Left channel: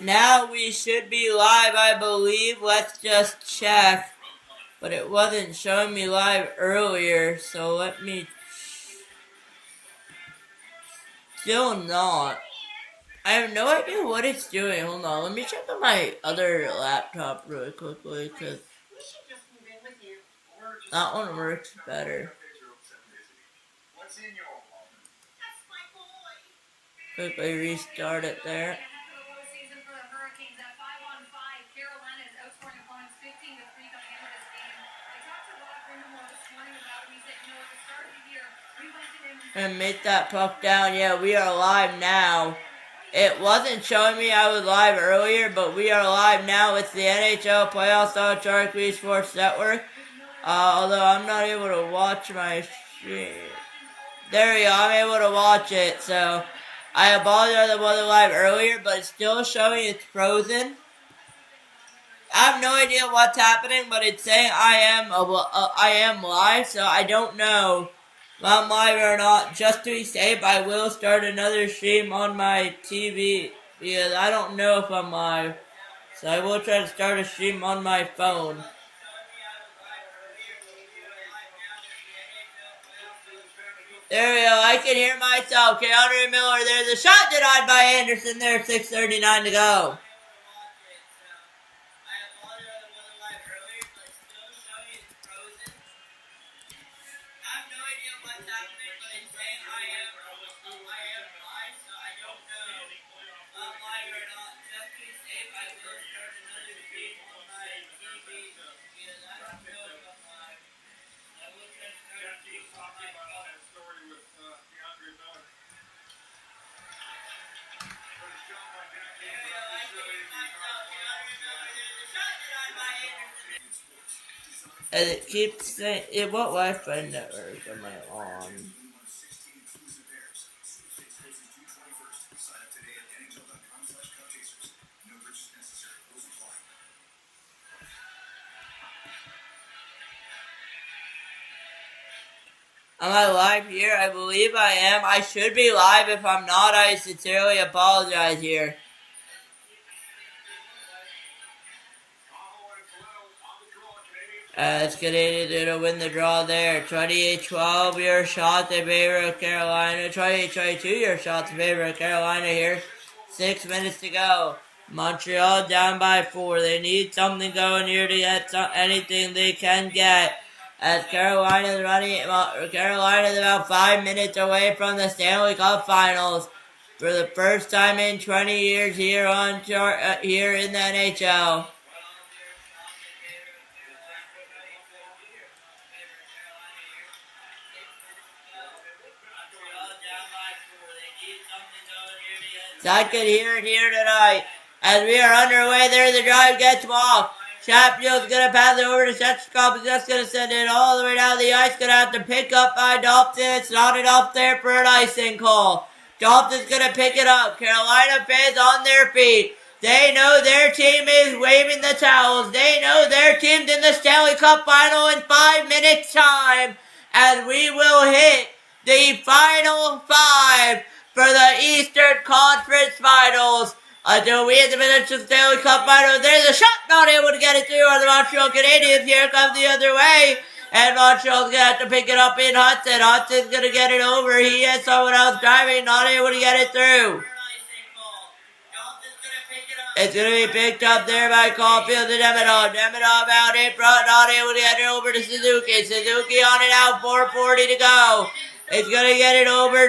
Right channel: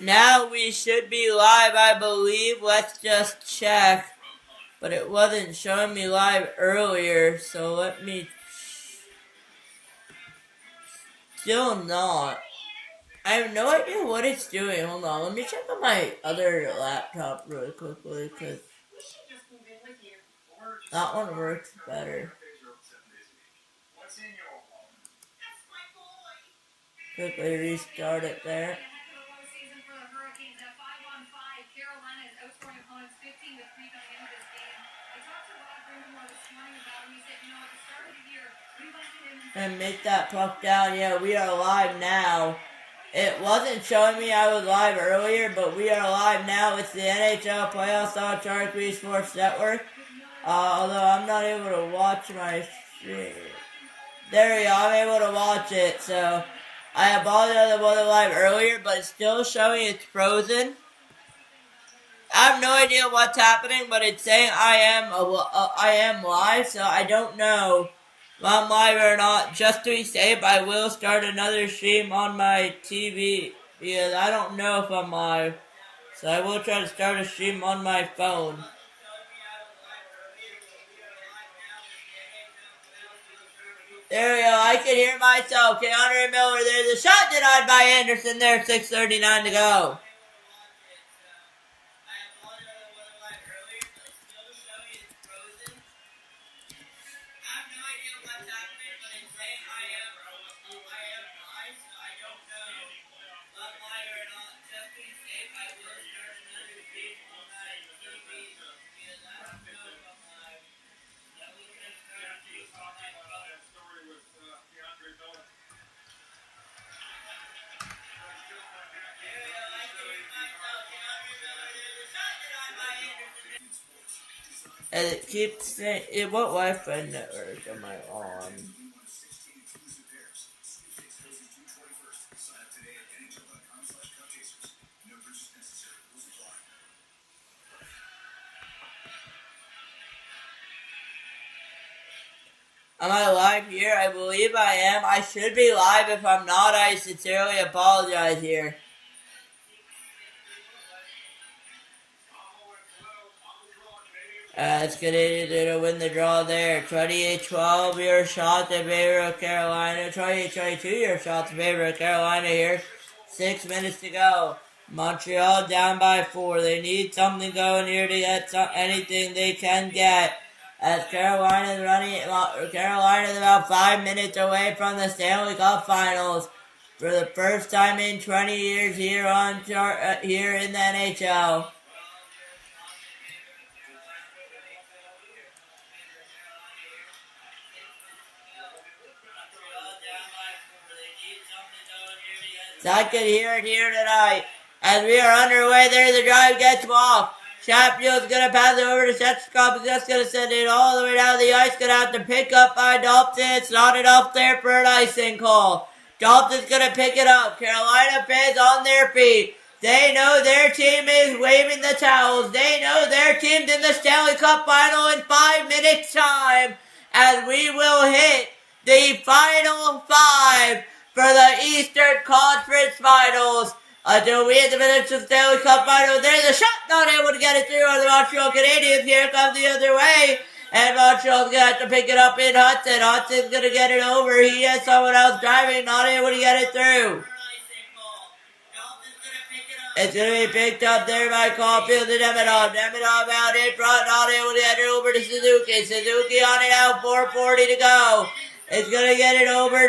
Now we should be live, I believe. Let's just check. But it wasn't showing me live earlier, so let me... Still not. I have no idea what it's doing. Hold on, let me check on my other laptop really quickly, because that one works better. Quickly restart it there. And make that puck down. Yeah, we are live now. It wasn't showing me I was live earlier, but we are live now. It's the NHL playoffs on Sharik Sports Network. Although I'm not able to watch my stream. There we go. I'm able to watch it. So I apologize I wasn't live earlier, but it's still showing it's frozen. I have no idea what's happening, but it's saying I am live, so I don't know if I'm live or not. Just to be safe, I will start another stream on my TV because I don't know if I'm live. So I will try to start a stream on my phone. There we go. I can hear myself. Keanu Miller. There's a shot denied by Anderson there. 6:39 to go. And it keeps saying, what Wi-Fi network am I on? Am I live here? I believe I am. I should be live. If I'm not, I sincerely apologize here. As Canadiens going to win the draw there. 28-12, your shot in favor of Carolina. 28-22, your shot in favor of Carolina here. 6 minutes to go. Montreal down by 4. They need something going here to get anything they can get. As Carolina's about 5 minutes away from the Stanley Cup Finals for the first time in 20 years here here in the NHL. So I could hear it here tonight. As we are underway there, the drive gets walked. Chatfield's going to pass it over to Shechkov. He's just going to send it all the way down the ice. Going to have to pick up by Dalton. It's not enough there for an icing call. Dalton's going to pick it up. Carolina fans on their feet. They know their team is waving the towels. They know their team's in the Stanley Cup Final in 5 minutes time. As we will hit the final 5 for the Eastern Conference Finals. Until we hit the Minnesota Stanley Cup Final. There's a shot, not able to get it through on the Montreal Canadiens. Here comes the other way. And Montreal's going to have to pick it up in Hudson. Hudson's going to get it over. He has someone else driving, not able to get it through. It's going to be picked up there by Caulfield and Demidov. Demidov out in front, not able to get it over to Suzuki. Suzuki on it out, 4:40 to go. It's going to get it over. We're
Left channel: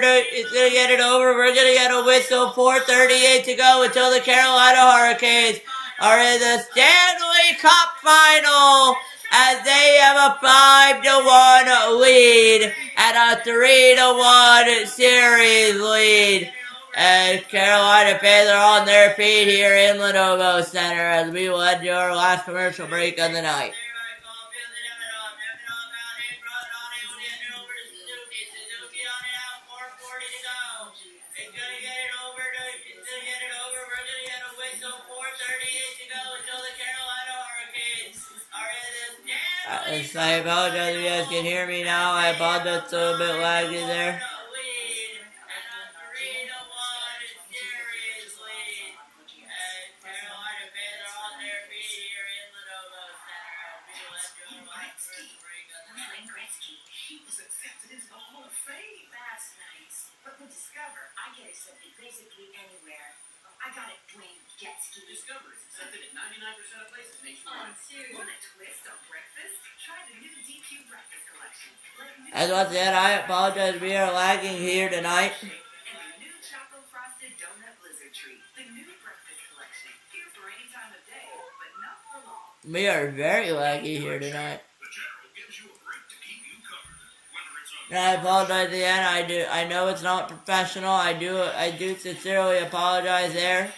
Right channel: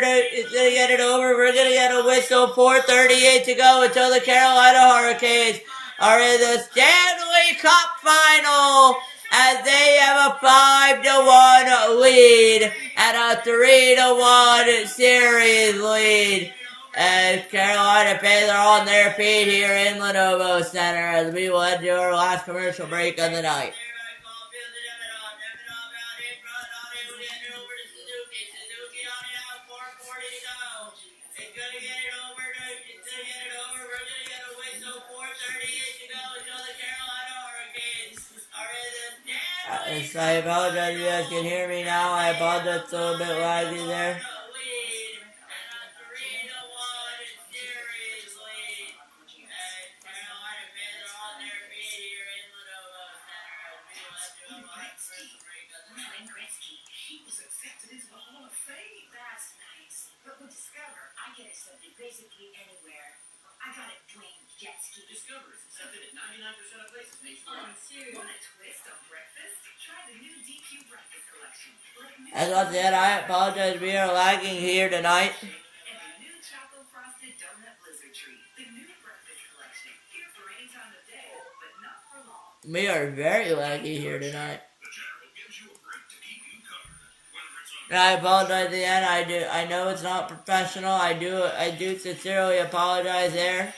going to get a whistle. 4:38 to go until the Carolina Hurricanes are in the Stanley Cup Final as they have a 5-1 lead and a 3-1 series lead. As Carolina fans are on their feet here in Lenovo Center as we will head to our last commercial break of the night. I apologize if you guys can hear me now. I apologize, it's a little bit laggy there. As once again, I apologize. We are lagging here tonight. We are very laggy here tonight. And I apologize again. I know it's not professional. I do sincerely apologize there.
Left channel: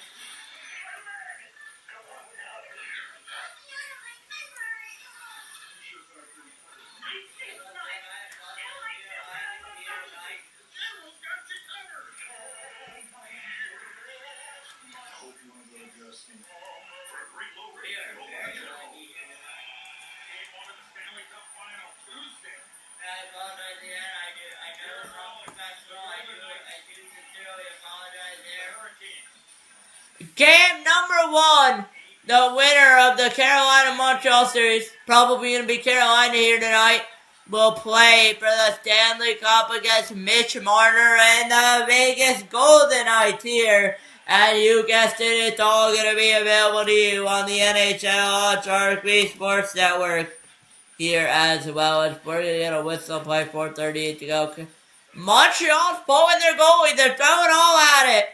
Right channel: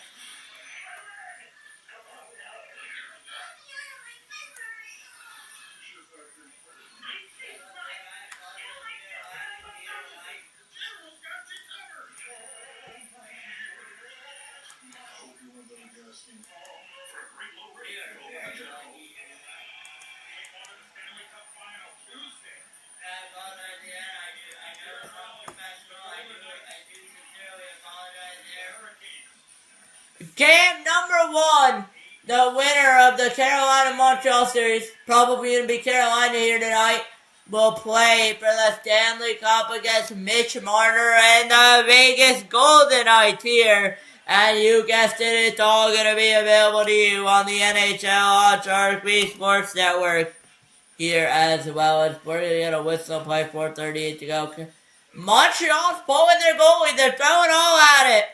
Game number 1, the winner of the Carolina-Montreal series, probably going to be Carolina here tonight, will play for the Stanley Cup against Mitch Marner and the Vegas Golden Knights here. And you guessed it, it's all going to be available to you on the NHL on Sharik Sports Network here as well. As we're going to get a whistle play, 4:38 to go. Montreal's pulling their goalie. They're throwing all at it.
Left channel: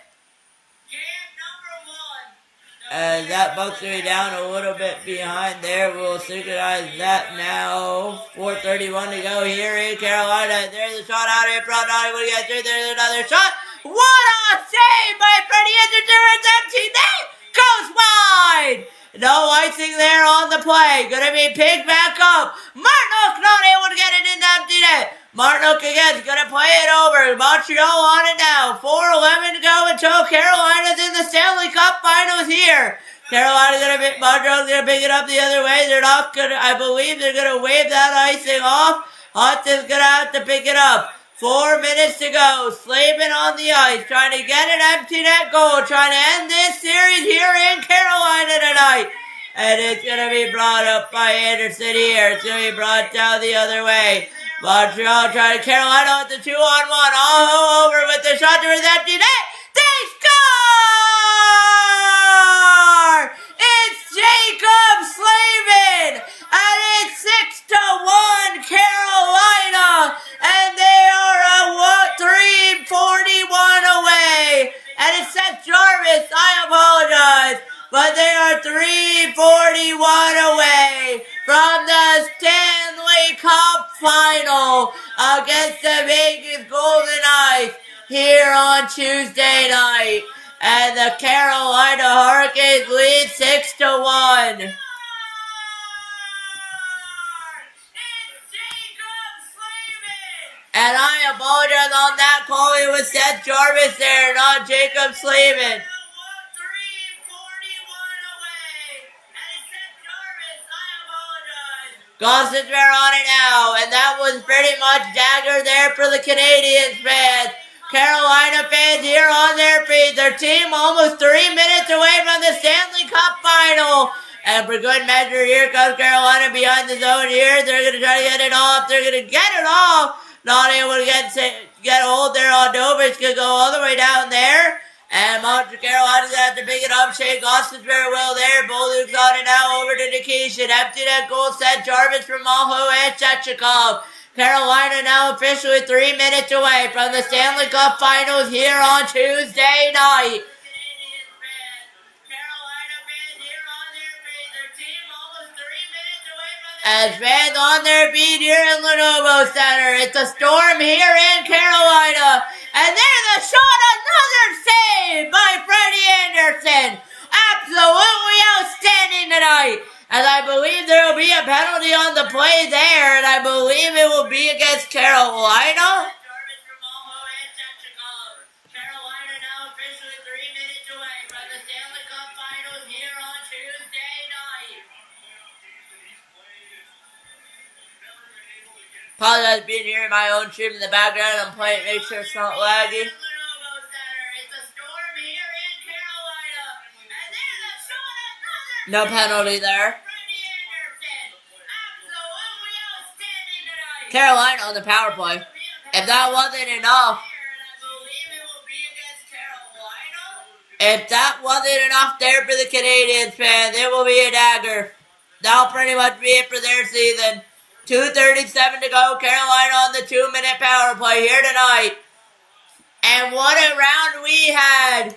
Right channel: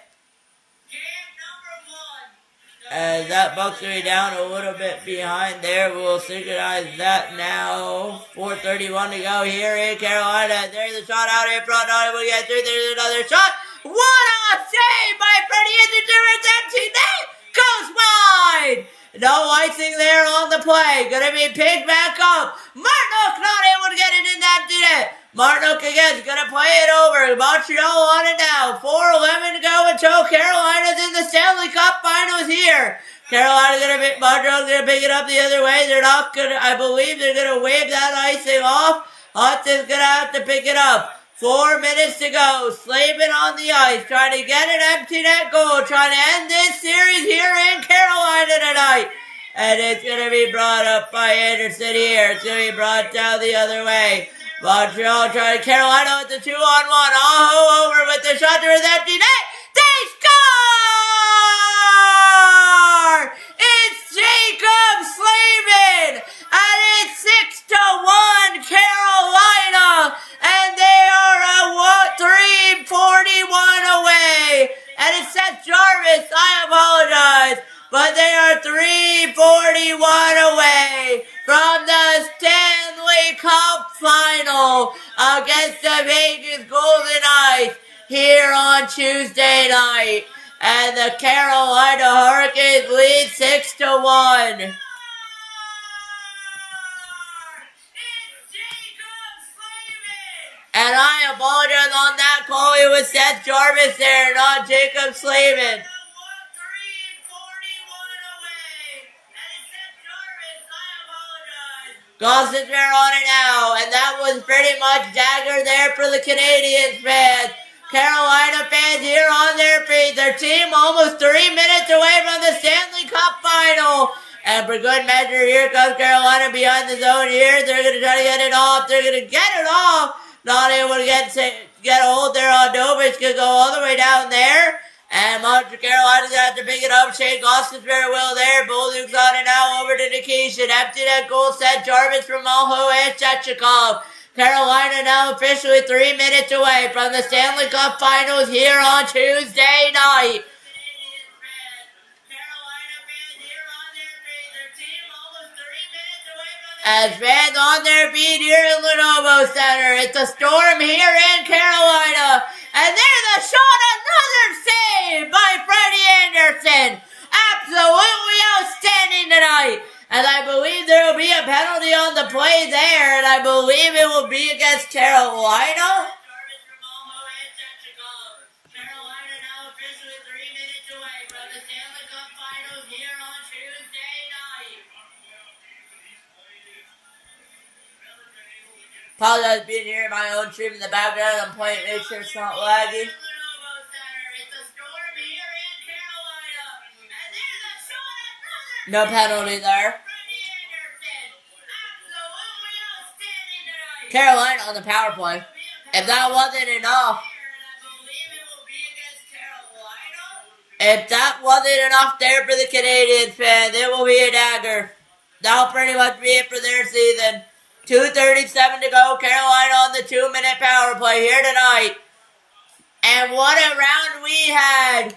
As that Bucks are down a little bit behind there. We'll synchronize that now. 4:31 to go here in Carolina. There's a shot out in front. Not able to get through. There's another shot. What a save by Freddie Anderson. It's empty net. Goes wide. No icing there on the play. Gonna be picked back up. Martinook not able to get it in the empty net. Martinook again is gonna play it over. Montreal on it now. 4:11 to go until Carolina's in the Stanley Cup Finals here. Montreal's gonna pick it up the other way. They're not gonna. I believe they're gonna wave that icing off. Hudson's gonna have to pick it up. 4 minutes to go. Slavin on the ice, trying to get an empty net goal, trying to end this series here in Carolina tonight. And it's going to be brought up by Anderson here. It's going to be brought down the other way. Montreal trying to Carolina with the 2-on-1. Aho over with the shot to his empty net. They score! It's Jacob Slavin! And it's 6-1 Carolina! And they are a 341 away! And it's Seth Jarvis, I apologize, but they are 341 away from the Stanley Cup Final against the Vegas Golden Knights here on Tuesday night. And the Carolina Hurricanes lead 6-1. And I apologize on that call. It was Seth Jarvis there, not Jacob Slavin. Gosses are on it now, and that was pretty much dagger there for the Canadiens fans. Carolina fans here on their feet. Their team almost 3 minutes away from the Stanley Cup Final. And for good measure, here comes Carolina behind the zone here. They're going to try to get it off. They're going to get it off. Not able to get a hold there on Dover. It's going to go all the way down there. And Carolina's going to have to pick it up. Shane Gosses very well there. Bolduc's on it now over to Nikishin. Empty net goal set. Jarvis from Aho and Shechikov. Carolina now officially 3 minutes away from the Stanley Cup Finals here on Tuesday night. As fans on their feet here in Lenovo Center. It's a storm here in Carolina. And there's a shot, another save by Freddie Anderson. Absolutely outstanding tonight. And I believe there will be a penalty on the play there. And I believe it will be against Carolina. Apologize being here in my own stream in the background. I'm playing, make sure it's not laggy. No penalty there. Carolina on the power play. If that wasn't enough. If that wasn't enough there for the Canadiens fans, it will be a dagger. That'll pretty much be it for their season. 2:37 to go. Carolina on the 2-minute power play here tonight. And what a round we had.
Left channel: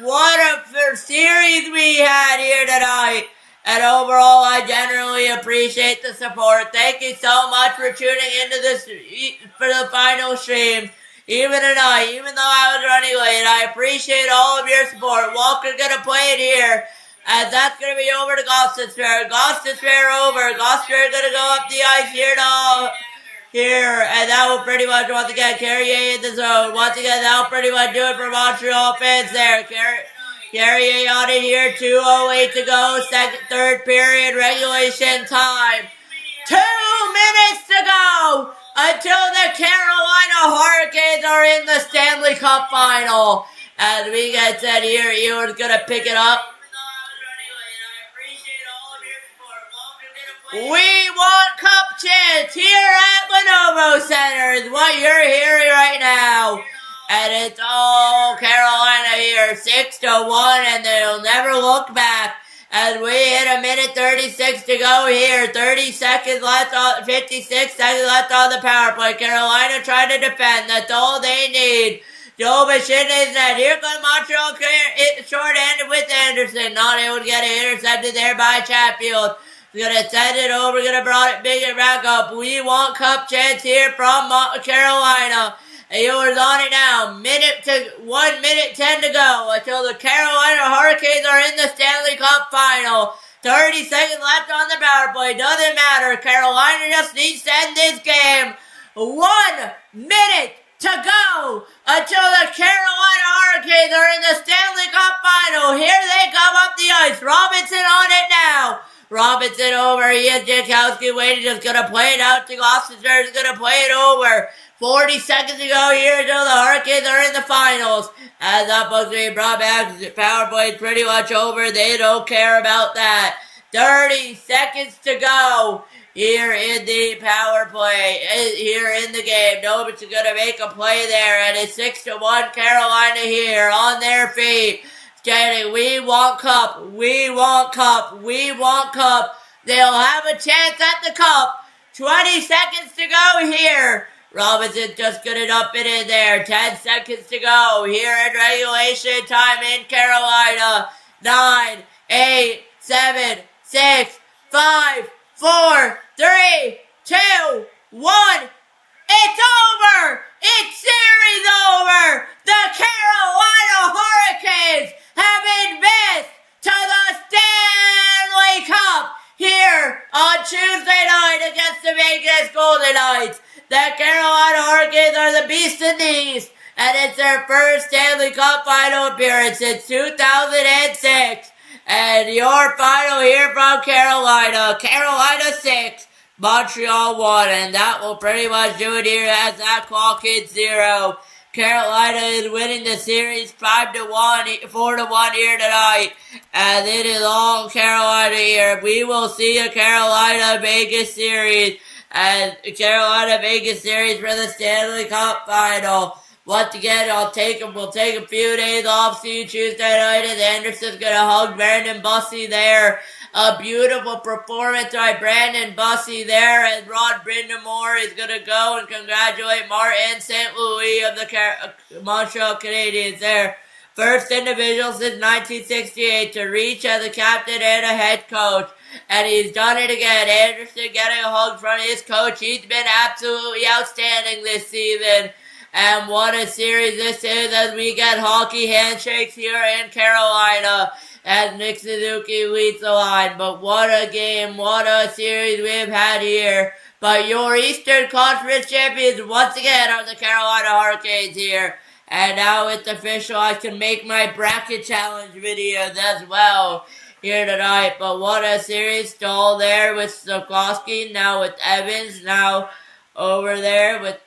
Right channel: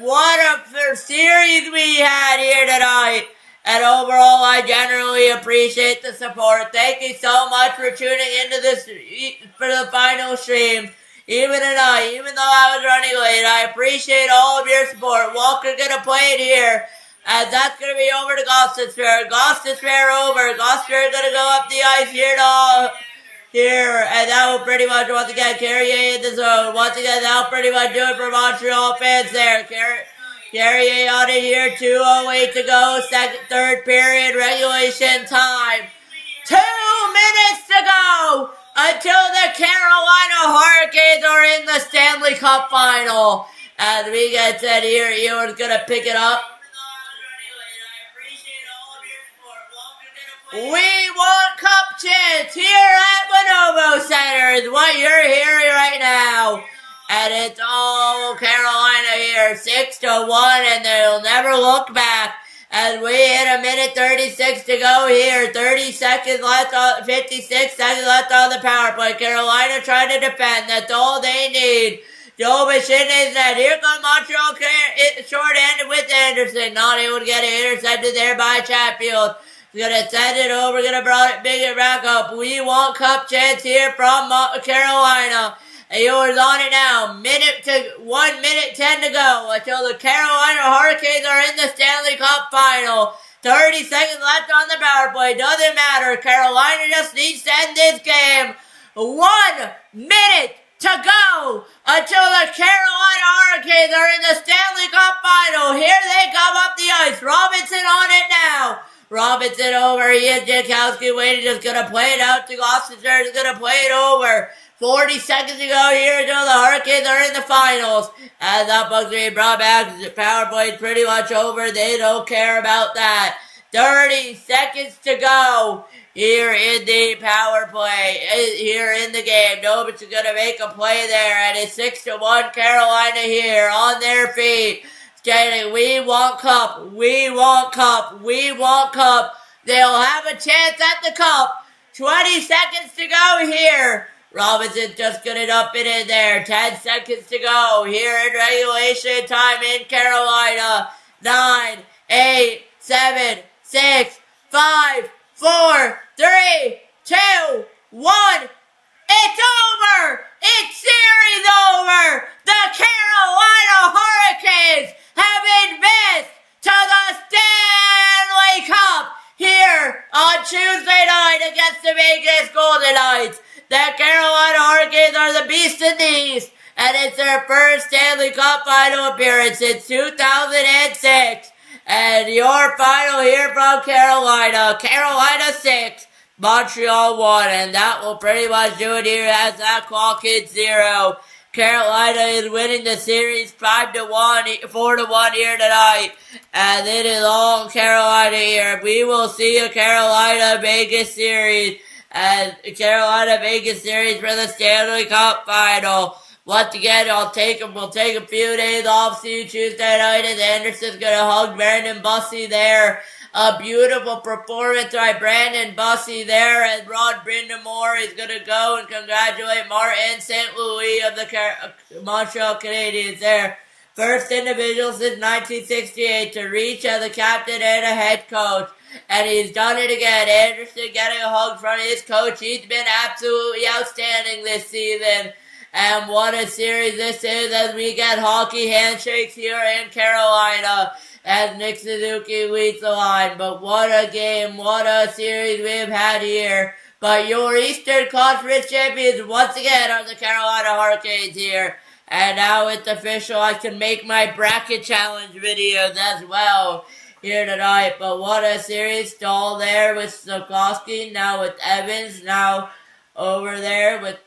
What a series we had here tonight. And overall, I generally appreciate the support. Thank you so much for tuning into this for the final stream. Even tonight, even though I was running late, I appreciate all of your support. Walker's going to play it here. And that's going to be over to Gostisbehere. Gostisbehere over. Gostisbehere going to go up the ice here and that will pretty much, once again, Carrier in the zone. Once again, that will pretty much do it for Montreal fans there. Carrier on it here, 2:08 to go, third period, regulation time. 2 minutes to go until the Carolina Hurricanes are in the Stanley Cup final. As we get said here, Ewan's going to pick it up. We want cup chance here at Lenovo Center is what you're hearing right now. And it's all Carolina here, 6-1, and they'll never look back. As we hit a minute 36 to go here, 56 seconds left on the power play. Carolina trying to defend. That's all they need. Joe Machini's net. Here comes Montreal short-handed with Anderson. Not able to get it intercepted there by Chatfield. We're going to send it over. We're going to bring it big and back up. We want cup chance here from Carolina. Yours on it now. 1 minute 10 to go until the Carolina Hurricanes are in the Stanley Cup final. 30 seconds left on the power play. Doesn't matter. Carolina just needs to end this game. 1 minute to go until the Carolina Hurricanes are in the Stanley Cup final. Here they come up the ice. Robinson on it now. Robinson over. He has Jankowski waiting. Just going to play it out to Gostisbehere. He's going to play it over. 40 seconds to go here until the Hurricanes are in the finals. As that puck's being brought back. The power play is pretty much over. They don't care about that. 30 seconds to go here in the power play. Here in the game. Nobody's going to make a play there. And it's 6-1 Carolina here on their feet. Standing, we want cup, we want cup, we want cup. They'll have a chance at the cup. 20 seconds to go here. Robinson just got it up and in there. 10 seconds to go here in regulation time in Carolina. 9, 8, 7, 6, 5, 4, 3, 2, 1. It's over! It's series over! The Carolina Hurricanes have advanced to the Stanley Cup here on Tuesday night against the Vegas Golden Knights. The Carolina Hurricanes are the Beast in the East, and it's their first Stanley Cup final appearance since 2006. And your final here from Carolina, Carolina 6. Montreal 1, and that will pretty much do it here as that clock hits 0. Carolina is winning the series 5-1, 4-1 here tonight, and it is all Carolina here. We will see a Carolina-Vegas series, and Carolina-Vegas series for the Stanley Cup final. Once again, we'll take a few days off, see you Tuesday night, and Anderson's gonna hug Brandon Bussey there. A beautiful performance by Brandon Bussey there, and Rod Brindamore is going to go and congratulate Martin St. Louis of the Montreal Canadiens there. First individual since 1968 to reach as a captain and a head coach, and he's done it again. Anderson getting a hug from his coach. He's been absolutely outstanding this season. And what a series this is as we get hockey handshakes here in Carolina as Nick Suzuki leads the line. But what a game, what a series we've had here. But your Eastern Conference champions once again are the Carolina Hurricanes here. And now it's official. I can make my bracket challenge videos as well here tonight. But what a series. Stahl there with Stokowski. Now with Evans. Now over there with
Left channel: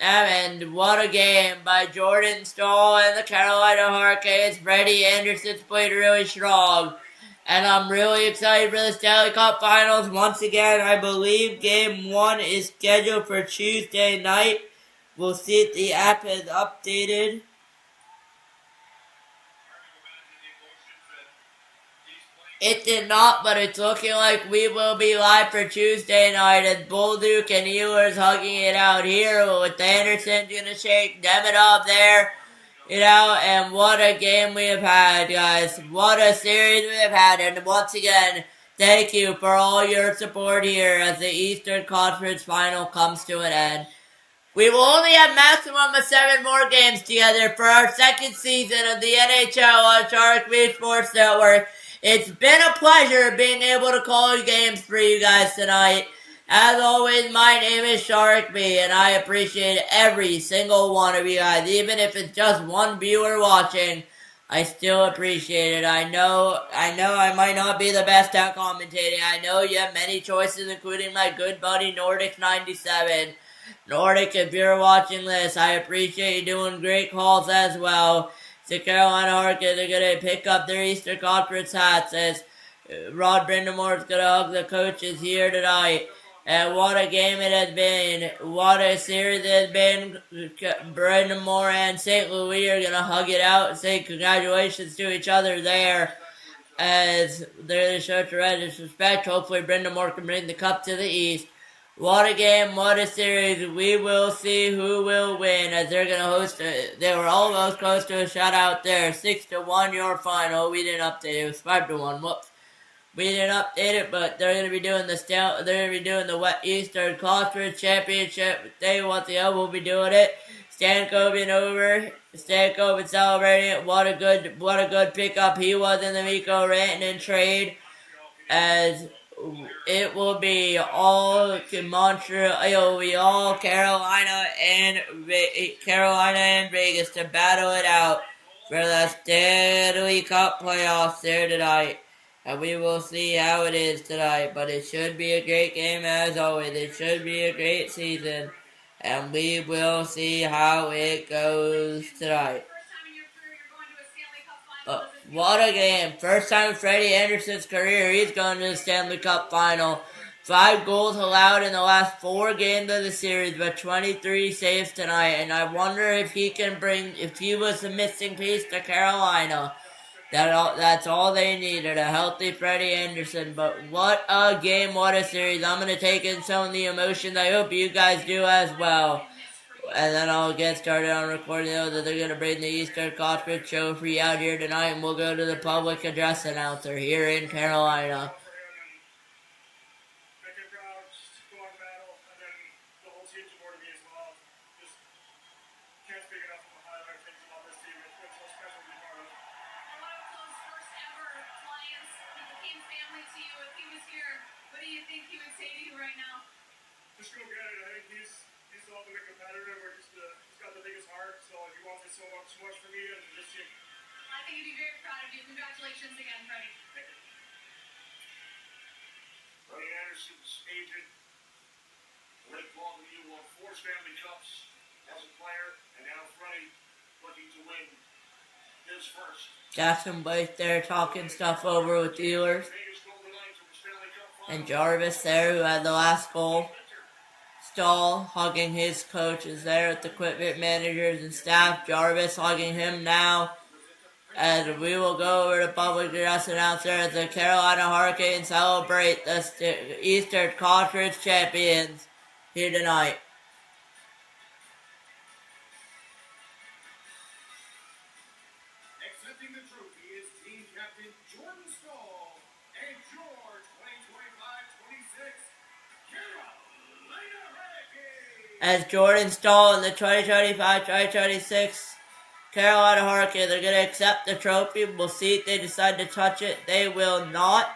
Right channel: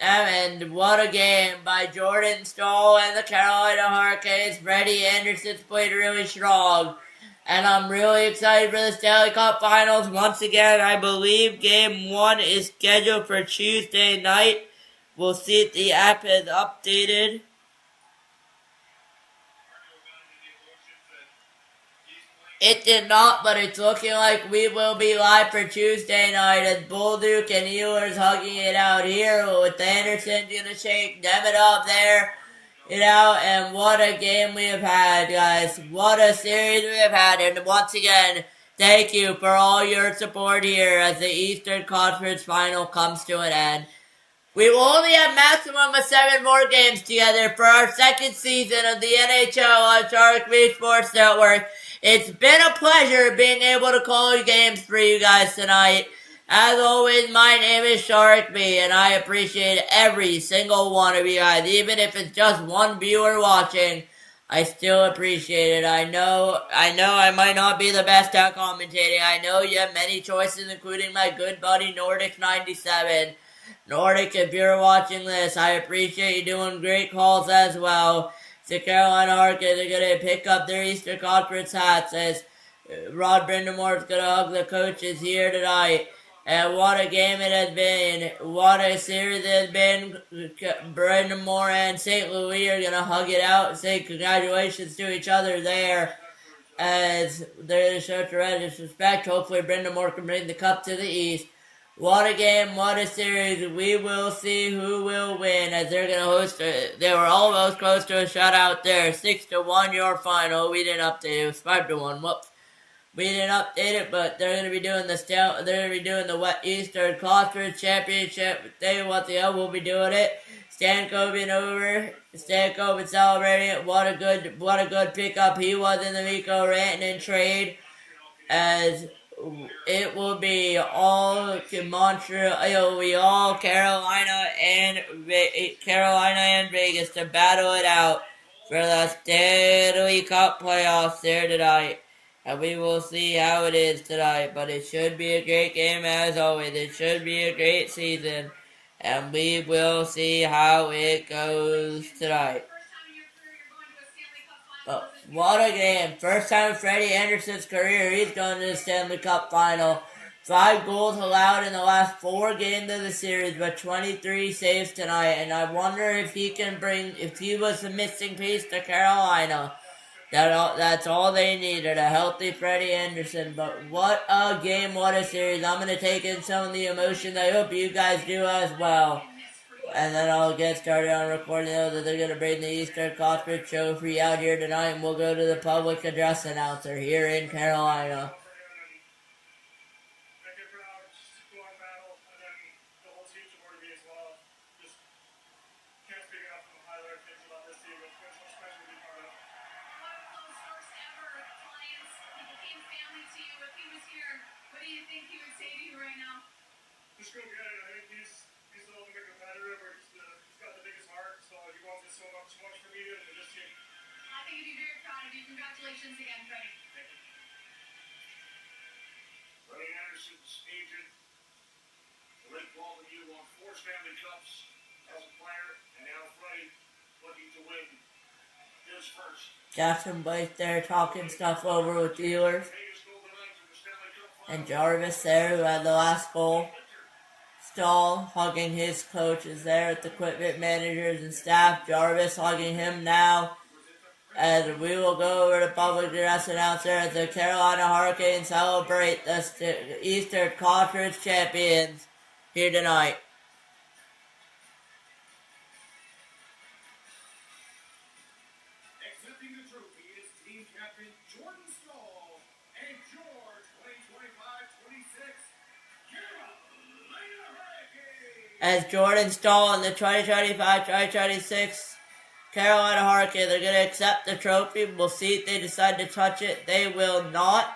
and what a game by Jordan Stahl and the Carolina Hurricanes. Freddie Anderson's played really strong. And I'm really excited for the Stanley Cup Finals. Once again, I believe Game 1 is scheduled for Tuesday night. We'll see if the app is updated. It did not, but it's looking like we will be live for Tuesday night as Bolduc and Ehlers hugging it out here with Anderson gonna shake Demidov there. And what a game we have had, guys. What a series we have had. And once again, thank you for all your support here as the Eastern Conference Final comes to an end. We will only have maximum of 7 more games together for our second season of the NHL on Sharik Sports Network. It's been a pleasure being able to call games for you guys tonight. As always, my name is Sharik B, and I appreciate every single one of you guys. Even if it's just one viewer watching, I still appreciate it. I know I might not be the best at commentating. I know you have many choices, including my good buddy Nordic97. Nordic, if you're watching this, I appreciate you doing great calls as well. The Carolina Hurricanes are going to pick up their Eastern Conference hats as Rod Brindamore is going to hug the coaches here tonight. And what a game it has been. What a series it has been. Brindamore and St. Louis are going to hug it out and say congratulations to each other there as they're to show tremendous respect. Hopefully Brindamore can bring the cup to the East. What a game, what a series. We will see who will win as they're going to host they were almost close to a shutout there. 6-1 your final. We didn't update it. It was 5-1. Whoops. We didn't update it, but they're going to be doing the Eastern Conference Championship. Tell you what, the L will be doing it. Stankoven over. Stankoven celebrating it. What a good pickup he was in the Mikko Rantanen trade. As it will be all Montreal. It will be all Carolina and Vegas to battle it out for the Stanley Cup playoffs there tonight. And we will see how it is tonight. But it should be a great game as always. It should be a great season. And we will see how it goes tonight. What a game. First time in Freddie Anderson's career, he's going to the Stanley Cup Final. 5 goals allowed in the last 4 games of the series, but 23 saves tonight. And I wonder if he was the missing piece to Carolina. That's all they needed, a healthy Freddie Anderson. But what a game, what a series. I'm going to take in some of the emotions. I hope you guys do as well. And then I'll get started on recording those that they're going to bring the Eastern Conference Trophy out here tonight. And we'll go to the public address announcer here in Carolina. Just go get it. I think he's the ultimate competitor. He's got the biggest heart, so he wants it so much for me and for this team. I think he'd be very proud of you. Congratulations again, Freddie. Freddie Anderson's agent, Blake Walton, won 4 Stanley Cups as a player, and now Freddie looking to win his first. Jackson Blake there talking stuff over with Ehlers. And Jarvis there, who had the last goal. Stahl hugging his coaches there at the equipment managers and staff. Jarvis hugging him now. As we will go over to public address announcer as the Carolina Hurricanes celebrate the Eastern Conference champions here tonight. Accepting the trophy is team captain Jordan Stahl and your 2025-26 Carolina Hurricanes. As Jordan Stahl and the 2025-2026 Carolina Hurricanes are going to accept the trophy. We'll see if they decide to touch it. They will not.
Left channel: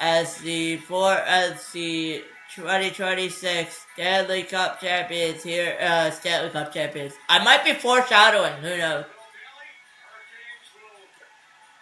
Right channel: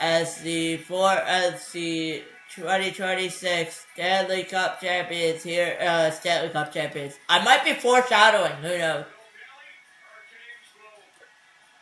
As the 2026 Stanley Cup champions here, Stanley Cup champions. I might be foreshadowing, who knows.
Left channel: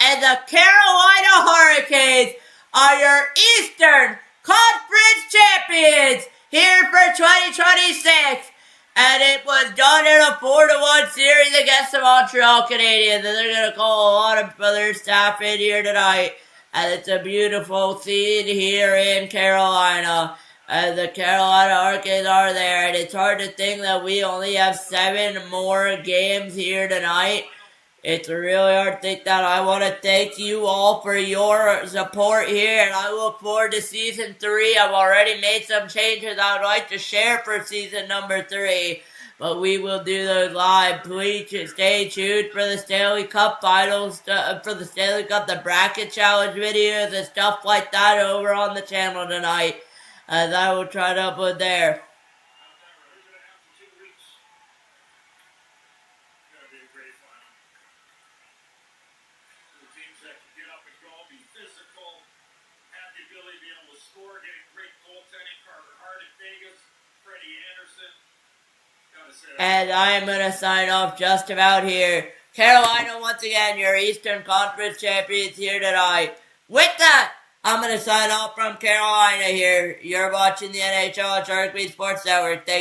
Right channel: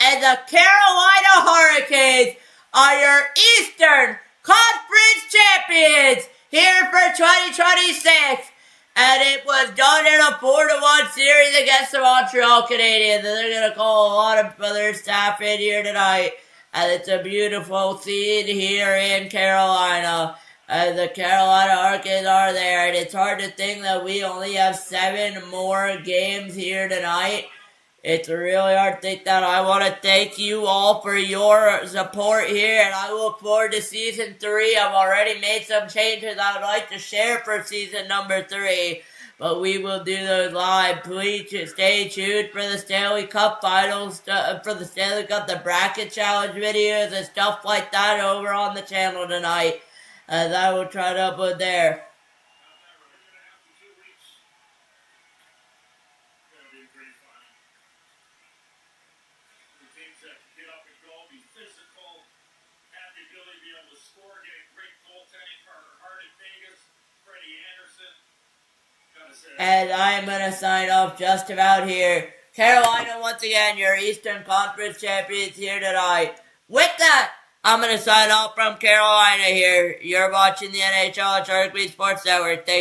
And the Carolina Hurricanes are your Eastern Conference champions here for 2026. And it was done in a 4-1 series against the Montreal Canadiens. And they're going to call a lot of other staff in here tonight. And it's a beautiful scene here in Carolina. And the Carolina Hurricanes are there. And it's hard to think that we only have 7 more games here tonight It's really hard to think that. I want to thank you all for your support here, and I look forward to season 3. I've already made some changes I would like to share for season number 3, but we will do those live. Please stay tuned for the Stanley Cup finals, for the Stanley Cup, the bracket challenge videos and stuff like that over on the channel tonight, as I will try to upload there. And I am going to sign off just about here. Carolina, once again, your Eastern Conference champions here tonight. With that, I'm going to sign off from Carolina here. You're watching the NHL Sharik Sports Network. Thank